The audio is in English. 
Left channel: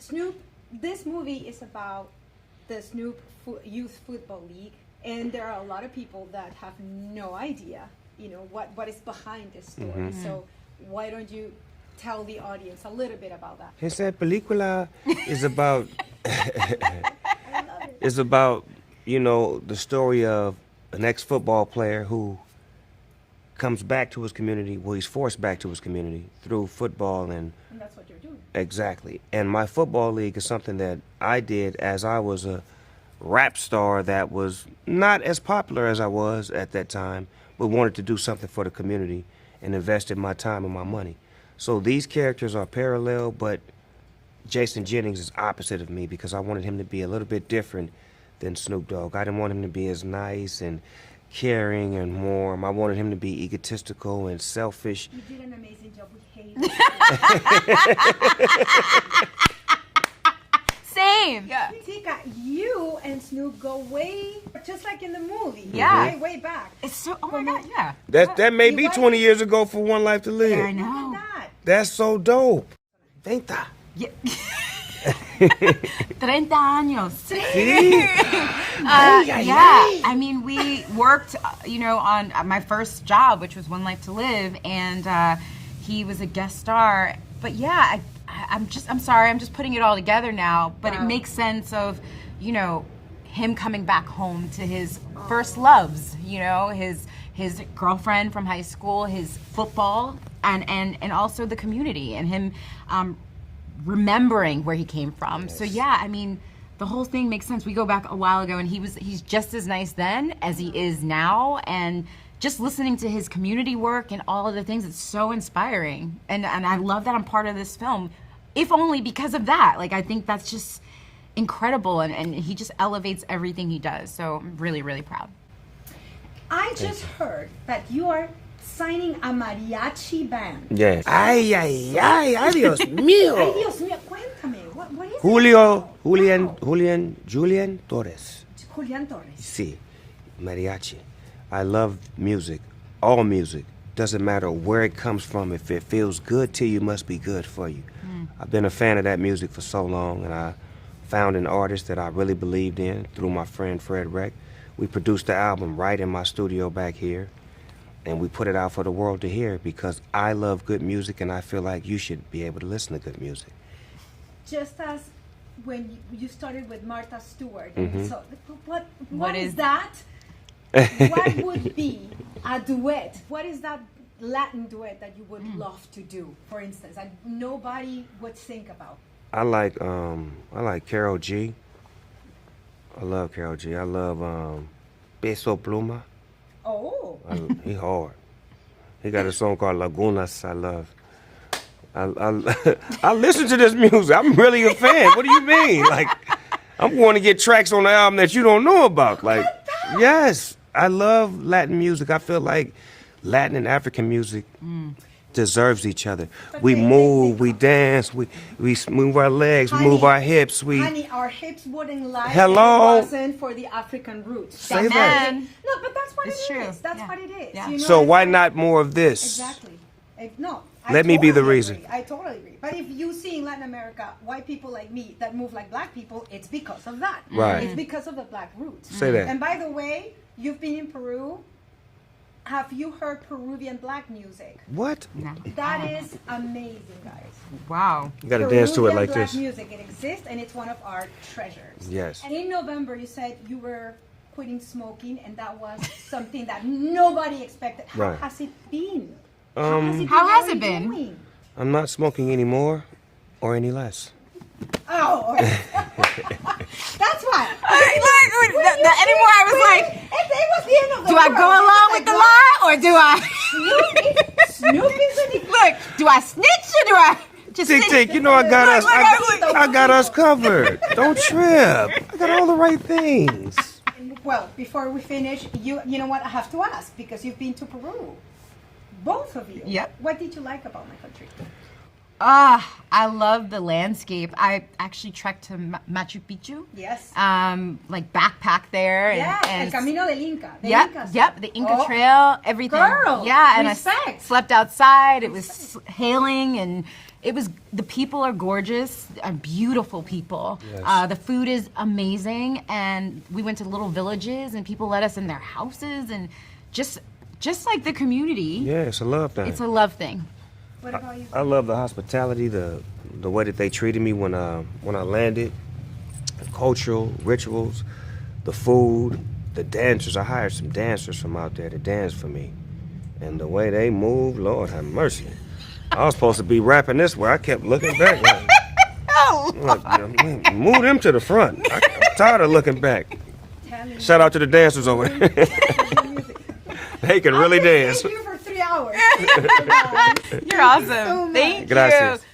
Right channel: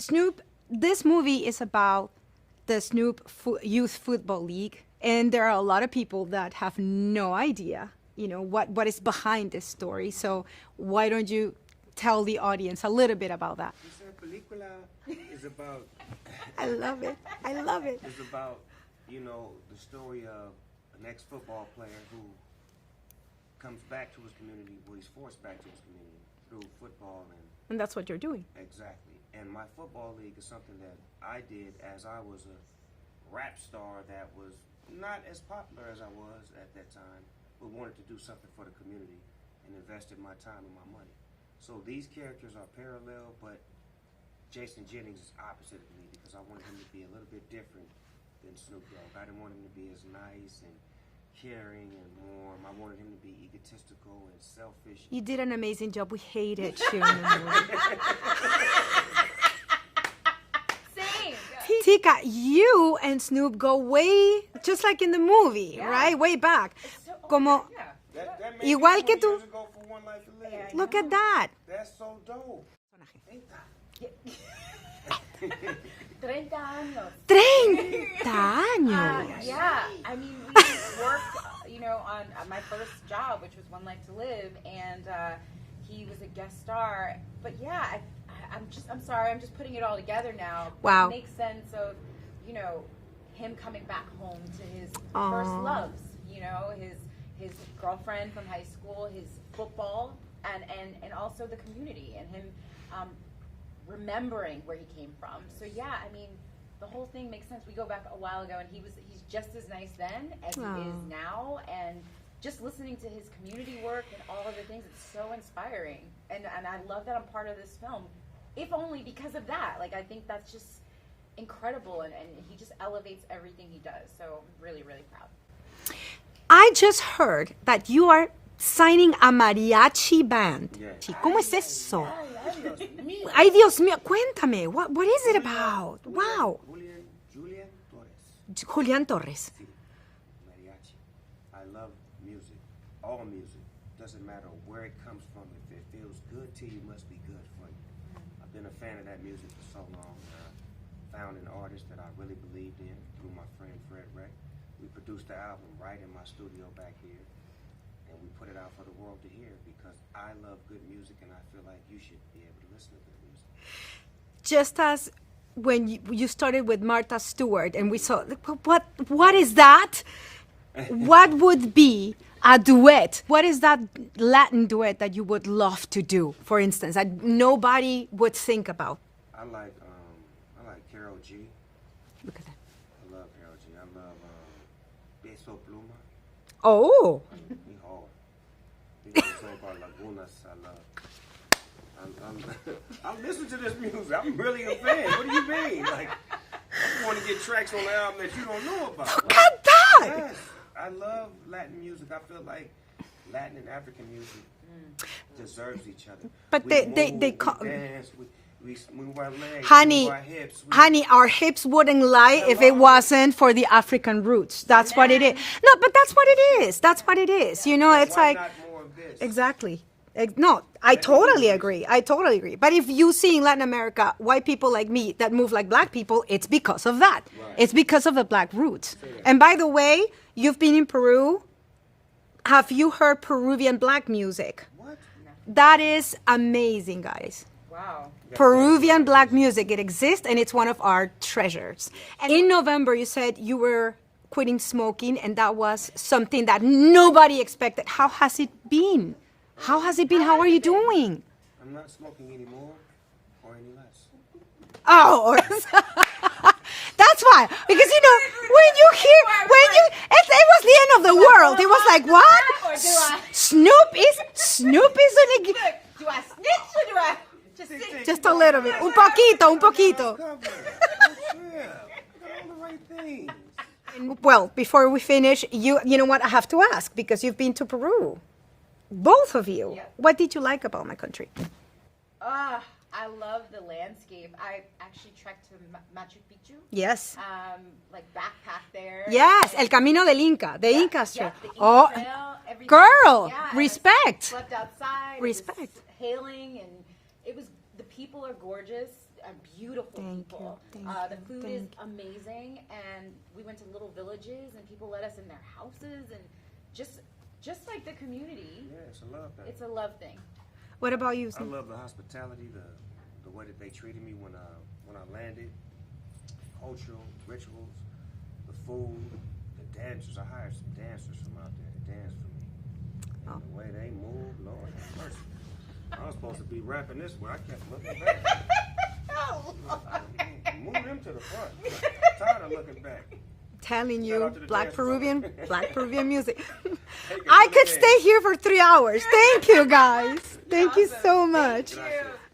Snoop, this movie is about the Snoop Youth Football League, and there are a lot of people that have no idea, what is behind this story. So why don't you tell the audience a little bit about that? Esa película is about. I love it. It's about, the story of an ex-football player who comes back to his community. Well, he's forced back to his community through football And that's what you're doing. Exactly. And my football league is something that I did as I was a rap star that was not as popular as I was at that time, but wanted to do something for the community and invested my time and my money. So these characters are parallel, but Jason Jennings is opposite of me because I wanted him to be a little bit different than Snoop Dogg. I didn't want him to be as nice and caring and warm. I wanted him to be egotistical and selfish. You did an amazing job. We hate it. Same. Tika, you and Snoop go way, just like in the movie. Yeah. Right? Way back. It's so, Como- yeah. That may be Igual 20 que tú- years ago for One Life to Live. I know. Look at that. That's so dope. 30. Yeah. 30 años. Yeah, I mean, we worked, on my first job, which was One Life to Live, and he was a guest star. But yeah, I'm sorry, I'm just putting it all together now. But Wow. it makes sense of, him coming back home to his first loves. His girlfriend from high school, his football, and also the community, and him remembering where he came from. Yes. So yeah, I mean, the whole thing makes sense. We go back a while ago, and he's just as nice then as he is now, and just listening to his community work and all of the things, it's so inspiring. And I love that I'm part of this film, if only because of that. Like, I think that's just incredible, and he just elevates everything he does. So I'm really, really proud. I just heard that you are signing a mariachi band. Yes. Ay, Dios mío. Ay, Dios mío, cuéntame, what is it about? Wow. Julian Torres. Julian Torres. Sí, mariachi. I love music, all music. Doesn't matter where it comes from. If it feels good to you, must be good for you. I've been a fan of that music for so long, and I found an artist that I really believed in through my friend Fred Reck. We produced the album right in my studio back here, and we put it out for the world to hear because I love good music, and I feel like you should be able to listen to good music. Just as when you started with Martha Stewart, and we saw, what is that? What would be a duet? What is that Latin duet that you would love to do, for instance, that nobody would think about? I like Karol G. Look at that. I love Karol G. I love Peso Pluma. Oh. He hard. He got a song called Lagunas I love. I listen to this music. I'm really a fan. What do you mean? Like, I'm going to get tracks on the album that you don't know about. Like, yes, I love Latin music. I feel like Latin and African music deserves each other. But we they move, we dance, we move our legs, we move our hips. Honey, our hips wouldn't lie if it Hello? wasn't for the African roots. That's Say what that. it is. No, but that's what It's it true. is. That's Yeah. what it is. Yeah. You know, So it's why like- not more of this? Exactly. No, I Let me totally be the agree. reason. I totally agree. But if you see in Latin America white people like me that move like black people, it's because of that. Right. It's because of the black roots. Say that. And by the way, you've been in Peru. Have you heard Peruvian black music? What? No. That is amazing, guys. Wow. You gotta dance to it Peruvian like black this. music, it exists, and it's one of our treasures. Yes. And in November, you said you were quitting smoking, and that was something that nobody expected. How Right. has it been? How has it been? How How has are it you been? doing? I'm not smoking anymore or any less. Oh, that's why. Because you know, when you no, hear, anymore, I was when like, it was the end of the do I go world. It was along like, with the what? lie, or do I- Snoop is an Look, do I snitch or do I just Tick, snitch? tick, Just you a know I little got bit? us. Look, Poquito, I got us poquito. covered. Don't trip. I got all the right things. Well, before we finish, you know what? I have to ask because you've been to Peru, both of you. Yep. What did you like about my country? I love the landscape. I actually trekked to Machu Picchu. Yes. Like backpack there. and- Yes, and- El Camino del Inca. The Yep, Incas. yep, the Inca Oh, Trail, everything. girl, yeah, and I respect. slept outside. It was Respect. hailing, and the people are gorgeous, beautiful people. Yes. The food is amazing, and we went to little villages, and people let us in their houses, and just like the community. Yeah, it's a love thing. It's a love thing. What about you? I love the hospitality, the way that they treated me when I landed, the cultural rituals, the food, the dancers. I hired some dancers from out there to dance for me, and the way they move, Lord have mercy. I was supposed to be rapping this way. I kept looking back. Like, move them to the front. I'm tired of looking back. Shout out to the dancers over there. They can really I could dance. stay here for 3 hours. Thank you, guys. You're awesome. Thank you so much. Thank Gracias. you.